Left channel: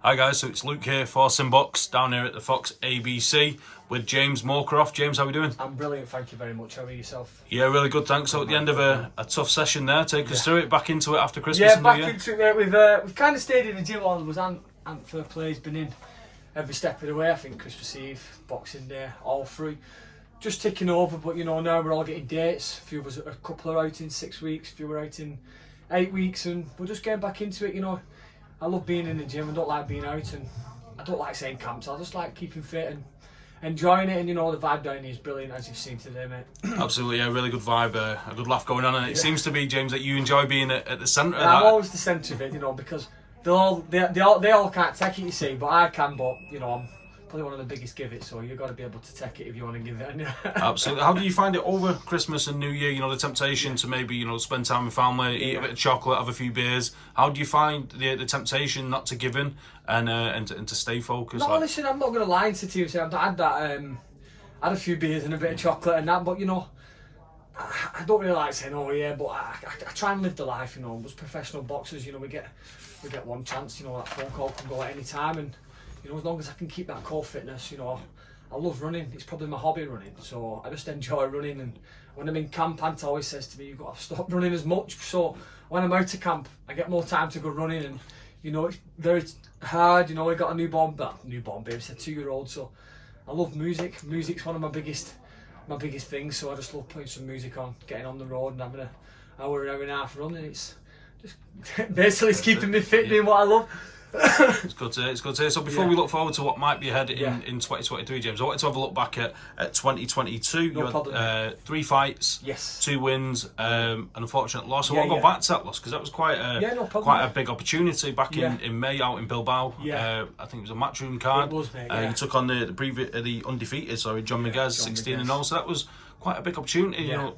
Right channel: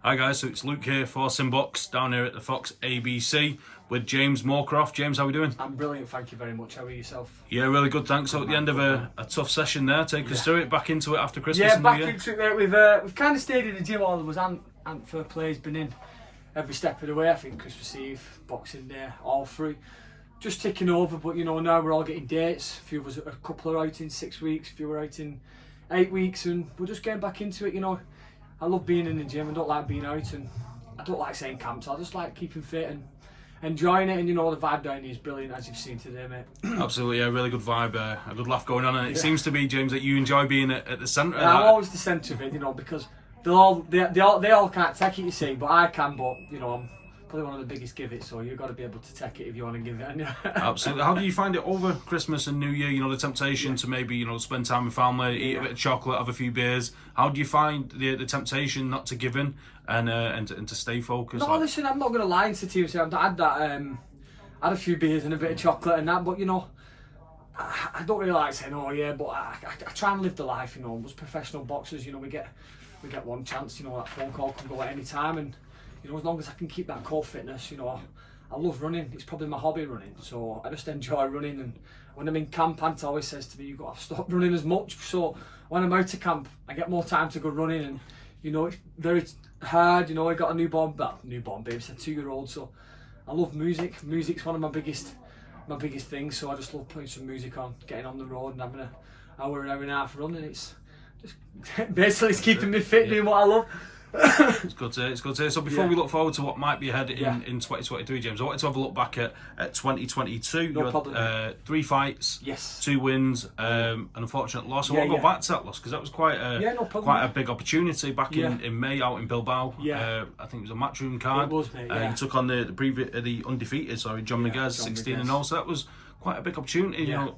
Hi guys, so it's Luke here for SimBoxx down here at the Fox ABC with James Moorcroft. James, how are we doing? I'm brilliant, thank you very much. How are yourself? Yeah, really good, thanks. So at the end of a tough session there, take us through it, back into it after Christmas and New Year. Yeah, back into it. We've kind of stayed in the gym. All of us, Ant for play's been in every step of the way. I think Christmas Eve, Boxing Day, all three. Just ticking over, but you know, now we're all getting dates. A few of us, a couple are out in 6 weeks, a few are out in 8 weeks, and we're just getting back into it, you know. I love being in the gym. I don't like being out, and I don't like saying camps. I just like keeping fit and enjoying it. And you know, the vibe down here is brilliant, as you've seen today, mate. Absolutely, yeah, really good vibe, a good laugh going on, and it seems to be, James, that you enjoy being at the centre of that. I'm always the centre of it, you know, because they all can't take it, you see, but I can. But you know, I'm probably one of the biggest give it, so you've got to be able to take it if you want to give it. Absolutely. How do you find it over Christmas and New Year? You know, the temptation to maybe, you know, spend time with family, eat a bit of chocolate, have a few beers. How do you find the temptation not to give in and to stay focused? No, listen, I'm not going to lie to you. I've had that. Had a few beers and a bit of chocolate and that, but you know, I don't really like saying, oh yeah, but I try and live the life. You know, as professional boxers, you know, we get one chance. You know, that phone call can go at any time, and you know, as long as I can keep that core fitness, you know, I love running. It's probably my hobby, running. So I just enjoy running. And when I'm in camp, Ant always says to me, you've got to stop running as much. So when I'm out of camp, I get more time to go running. And you know, it's very hard. You know, I got a newborn baby, it's a 2-year-old. So I love music. Music's one of my biggest things. So I just love putting some music on, getting on the road, and having an hour and a half running. It's just basically it's keeping me fit, doing what I love. It's good to hear. So before we look forward to what might be ahead in 2023, James, I wanted to have a look back at 2022. No you problem. had 3 fights, Yes. 2 wins, an unfortunate loss. I want to go back to that loss because that was quite a big opportunity back in May out in Bilbao. Yeah. I think it was a Matchroom card. It was, mate, yeah. You took on the undefeated, John Miguez, 16-0. So that was quite a big opportunity. You know,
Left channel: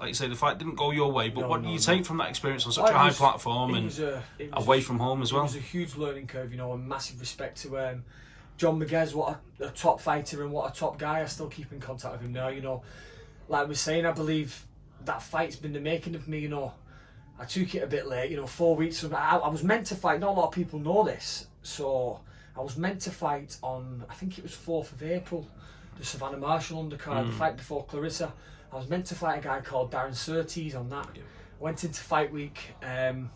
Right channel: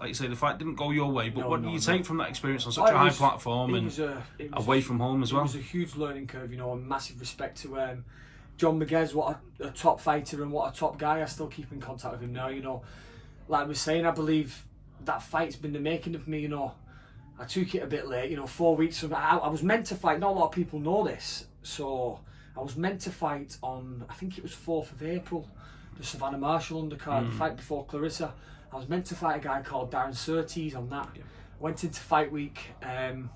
like you say, the fight didn't go your way, but what do you take from that experience on such a high platform and away from home as well? It was a huge learning curve, you know, and massive respect to John Miguez, what a top fighter and what a top guy. I still keep in contact with him now, you know. Like I was saying, I believe that fight's been the making of me, you know. I took it a bit late, you know, 4 weeks from I was meant to fight. Not a lot of people know this, so I was meant to fight on, I think it was 4th of April, the Savannah Marshall undercard, the fight before Clarissa. I was meant to fight a guy called Darren Surtees on that. Yeah. Went into fight week, and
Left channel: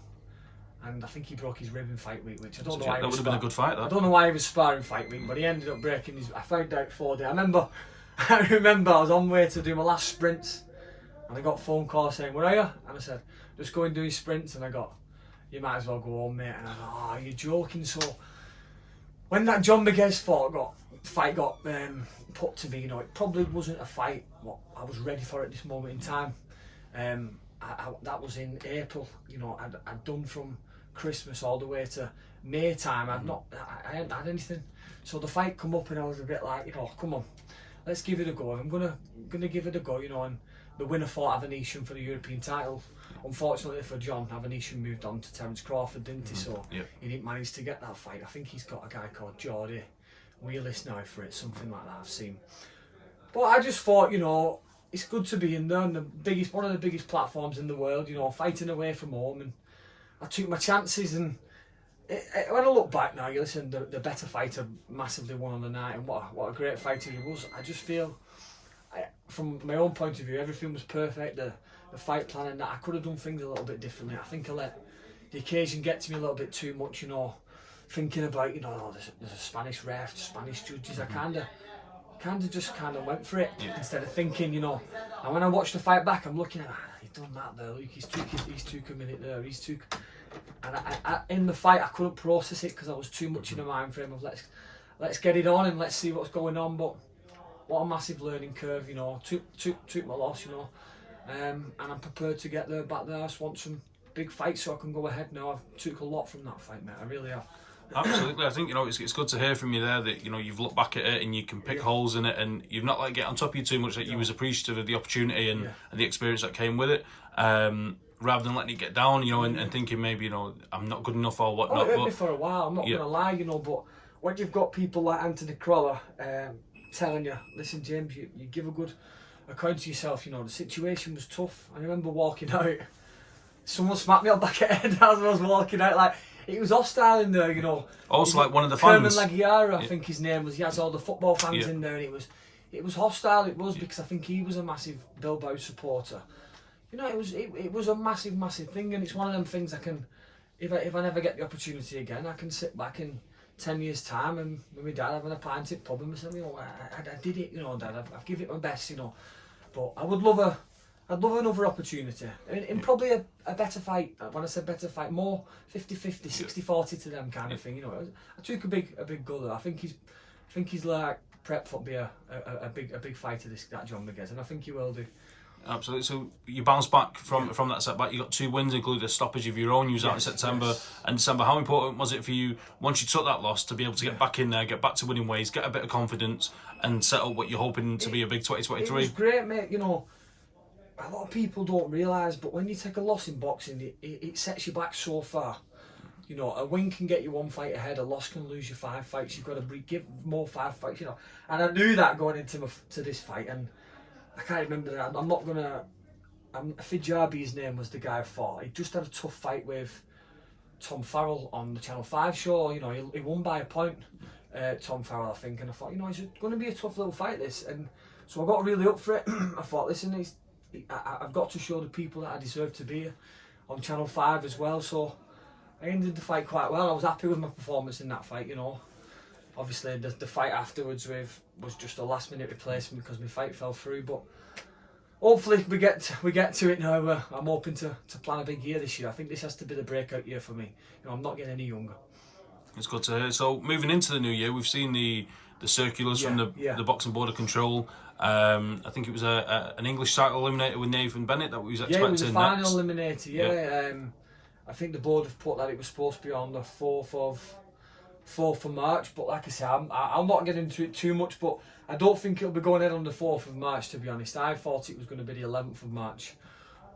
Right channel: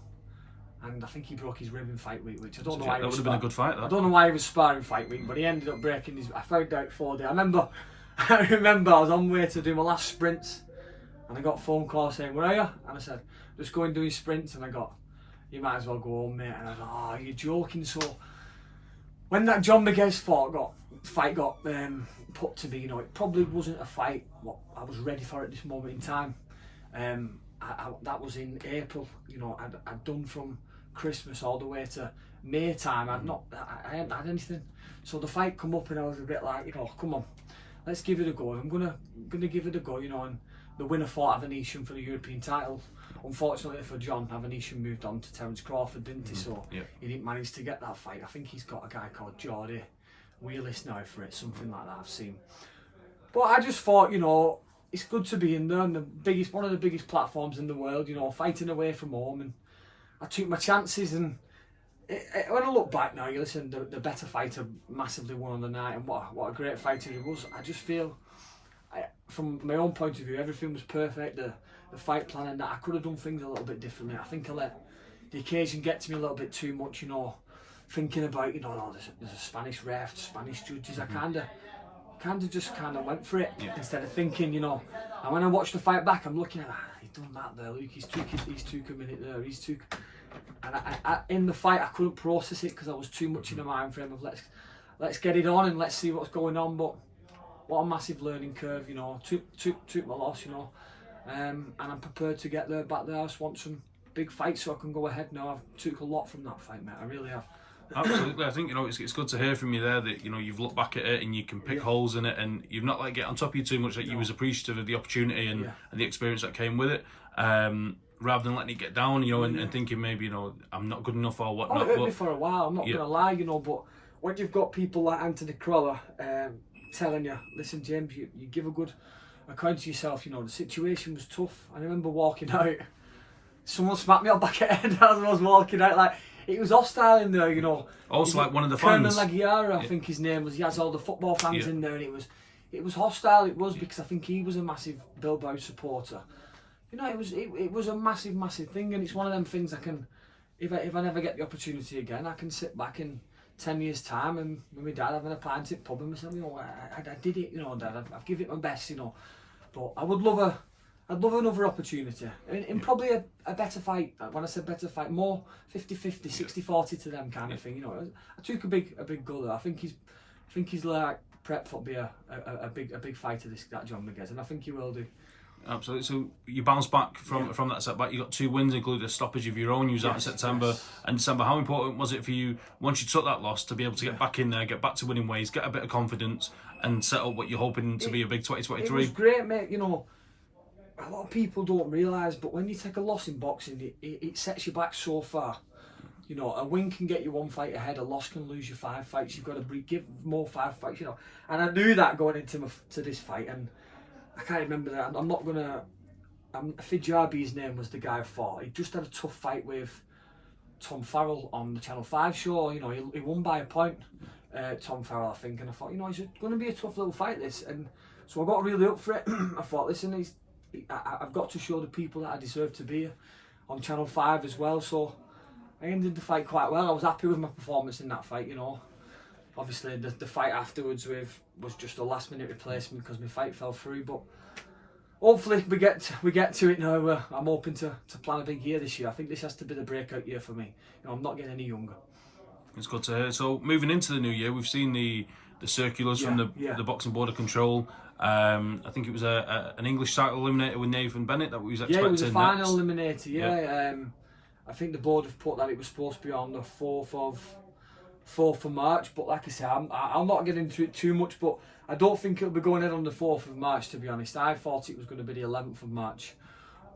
I think he broke his rib in fight week, which I don't know why. That would have been a good fight. That. I don't know why he was sparring fight week, but he ended up breaking his. I found out 4 days. I remember I was on my way to do my last sprints, and I got a phone call saying, "Where are you?" And I said, "Just go and do your sprints." And I got, "You might as well go home, mate." And I thought, "Oh, you're joking." So when that John Miguez fight got put to me, you know, it probably wasn't a fight what I was ready for at this moment in time. That was in April, you know. I'd done from Christmas all the way to May time. I hadn't had anything, so the fight come up and I was a bit like, you know, come on, let's give it a go. If I'm gonna give it a go, you know. And the winner fought Avanesian for the European title. Unfortunately for John, Avanesian moved on to Terence Crawford, didn't he? So he didn't manage to get that fight. I think he's got a guy called Geordie Wheelis now for it, something like that I've seen. But I just thought, you know, it's good to be in there, and one of the biggest platforms in the world, you know, fighting away from home, and I took my chances. And when I look back now, you listen, the better fighter massively won on the night, and what a great fighter he was. I just feel, from my own point of view, everything was perfect. The fight plan and that, I could have done things a little bit differently. I think I let the occasion get to me a little bit too much, you know. Thinking about, you know, oh, there's a Spanish ref, Spanish judges. I kind of just went for it instead of thinking, you know. And when I watched the fight back, I'm looking at, he's done that there, Luke. He's took a minute there. And I in the fight I couldn't process it because I was too much in the mind frame of let's get it on and let's see what's going on. But what a massive learning curve, you know. Took my loss, you know, and I'm prepared to get back there. I just want some big fights so I can go ahead now. I've took a lot from that fight, mate. I really have. Absolutely, I think, you know, it's good to hear from you there that, you know, you've looked back at it and you can pick holes in it, and you've not let it get on top of you too much. That you was appreciative of the opportunity and the experience that came with it, rather than letting it get down, you know, and thinking maybe, you know, I'm not good enough or whatnot. It hurt me for a while. I'm not gonna lie, you know, but when you've got people like Anthony Crolla telling you, listen, James, you give a good account to yourself. You know, the situation was tough. I remember walking out. Someone smacked me on the back of the head as I was walking out. Like, it was hostile in there, you know. Also, like one of the Kerman fans. Lagiara, I think his name was. He has all the football fans Yeah. in there, and it was hostile. It was because I think he was a massive Bilbao supporter. You know, it was a massive thing, and it's one of them things I can, if I never get the opportunity again, I can sit back in 10 years' time and with my dad having a pint at the pub and myself, you know, I did it, you know, Dad, I've given it my best, you know. But I'd love another opportunity. I mean, in probably a better fight. When I said better fight, more 50-50, 60-40 to them kind of thing. You know, I took a big go there. I think he's like prep for be a big fighter. That John Miguez, and I think he will do. Absolutely. So you bounced back from that setback. You got 2 wins, including a stoppage of your own. You was out in September and December. How important was it for you once you took that loss to be able to get back in there, get back to winning ways, get a bit of confidence, and set up what you're hoping to be a big 2023? It was great, mate. You know, a lot of people don't realise, but when you take a loss in boxing, it sets you back so far. You know, a win can get you 1 fight ahead, a loss can lose you 5 fights. You've got to give more 5 fights, you know. And I knew that going into this fight, and I can't remember that. I'm not gonna. Fijabi's name was the guy I fought. He just had a tough fight with Tom Farrell on the Channel 5 show. You know, he won by a point. Tom Farrell, I think, and I thought, you know, it's going to be a tough little fight, this. And so I got really up for it. I thought, listen, I've got to show the people that I deserve to be on Channel 5 as well. So I ended the fight quite well. I was happy with my performance in that fight, you know. Obviously, the fight afterwards was just a last-minute replacement because my fight fell through. But hopefully we get to it now. I'm hoping to plan a big year this year. I think this has to be the breakout year for me. You know, I'm not getting any younger. It's good to hear. So moving into the new year, we've seen the circulars from the Boxing Board of Control. I think it was an English title eliminator with Nathan Bennett that we was expecting. Yeah, it was a final next. eliminator. Yeah. I think the board have put that it was supposed to be on the 4th of March, but like I say, I'll not get into it too much, but I don't think it'll be going in on the 4th of March, to be honest. I thought it was going to be the 11th of March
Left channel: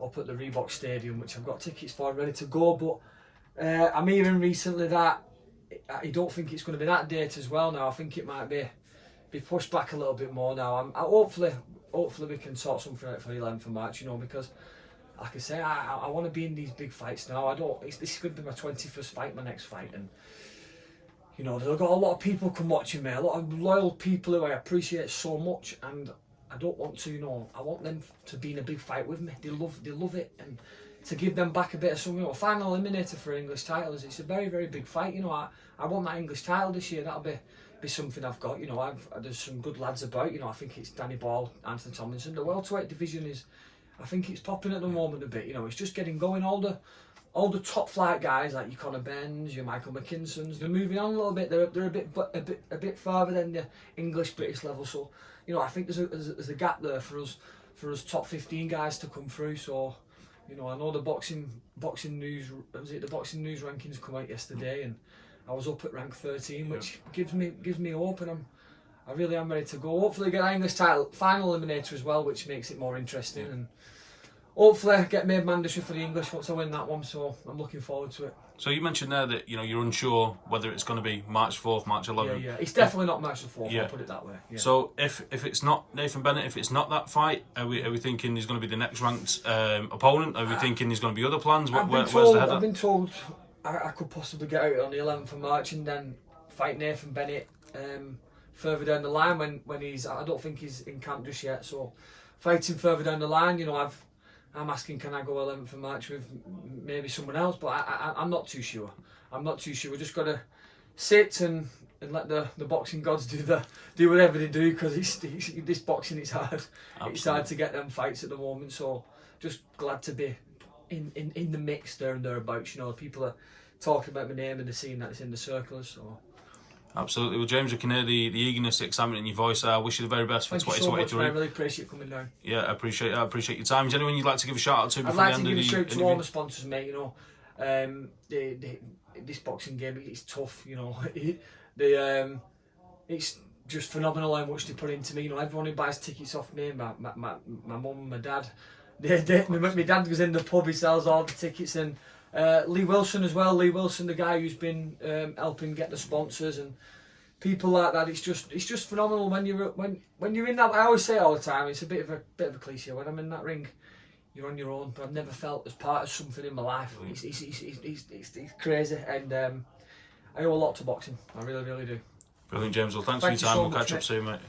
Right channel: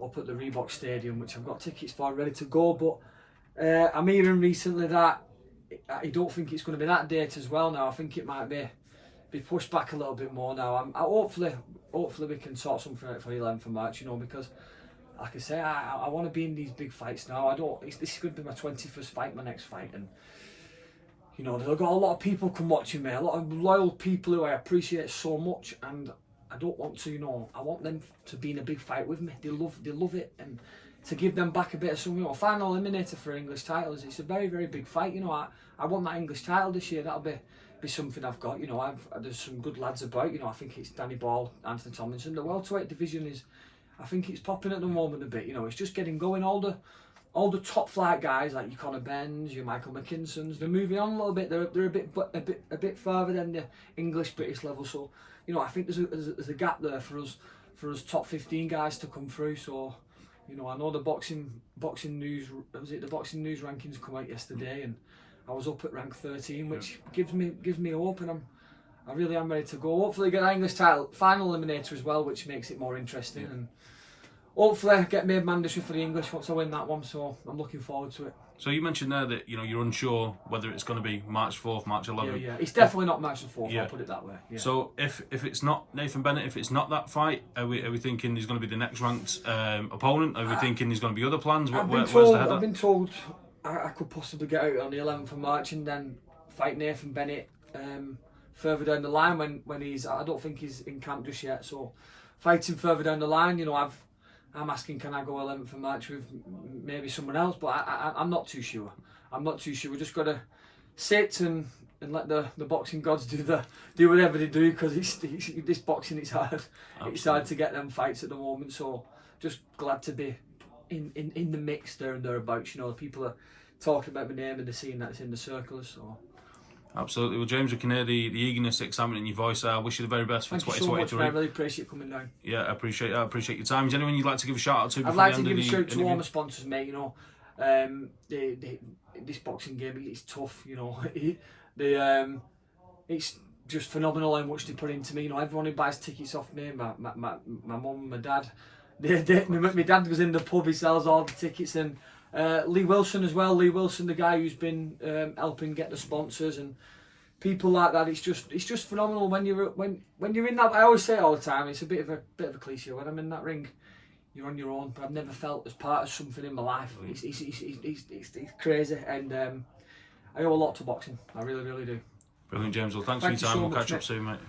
up at the Reebok Stadium, which I've got tickets for ready to go, but I'm hearing recently that I don't think it's going to be that date as well now. I think it might be pushed back a little bit more now. Hopefully we can sort something out for the 11th of March, you know, because like I say, I want to be in these big fights now. This is going to be my 21st fight, my next fight, and you know, they've got a lot of people come watching me, a lot of loyal people who I appreciate so much, and I don't want to, you know, I want them to be in a big fight with me. They love it, and to give them back a bit of something. You know, final eliminator for English titles, it's a very, very big fight. You know, I want that English title this year. That'll be something I've got. You know, there's some good lads about. You know, I think it's Danny Ball, Anthony Tomlinson. The welterweight division I think it's popping at the moment a bit. You know, it's just getting going. All the top flight guys like your Conor Benns, your Michael McKinsons, they're moving on a little bit. They're a bit further than the English British level. So, you know, I think there's a gap there for us top 15 guys to come through. So, you know, I know the boxing news, the boxing news rankings come out yesterday, and I was up at rank 13, which gives me hope, and I really am ready to go. Hopefully get an English title final eliminator as well, which makes it more interesting, and hopefully get made mandatory for the English once I win that one. So I'm looking forward to it. So you mentioned there that, you know, you're unsure whether it's going to be March 4th, March 11th. Yeah, it's definitely not March the 4th. I'll put it that way. Yeah. So if it's not Nathan Bennett, if it's not that fight, are we thinking he's going to be the next ranked opponent? Are we thinking there's going to be other plans? Where's the head? I've been told I could possibly get out on the 11th of March and then fight Nathan Bennett further down the line when he's. I don't think he's in camp just yet. So fighting further down the line, you know, I'm asking, can I go 11th of March with maybe someone else? But I'm not too sure. We just got to sit and let the boxing gods do whatever they do, because this boxing, it's hard. Absolutely. It's hard to get them fights at the moment. So just glad to be in the mix there and thereabouts. You know, people are talking about my name and they're seeing that it's in the circles. So. Absolutely. Well, James, we can hear the eagerness, excitement in your voice. I wish you the very best for 2023. Thank you so much, man. I really appreciate you coming down. Yeah, I appreciate your time. Is there anyone you'd like to give a shout out to before I'd like the end to give of a shout to interview? all my sponsors, mate. You know, this boxing game, it's tough. You know, it's just phenomenal how much they put into me. You know, everyone who buys tickets off me, my mum, my dad. My dad goes in the pub, he sells all the tickets, and Lee Wilson as well. Lee Wilson, the guy who's been helping get the sponsors and people like that. It's just phenomenal when you're in that. I always say it all the time. It's a bit of a cliche. When I'm in that ring, you're on your own. But I've never felt as part of something in my life. It's crazy, and I owe a lot to boxing. I really, really do. Brilliant, James. Well, thanks for your time. We'll catch up soon, mate.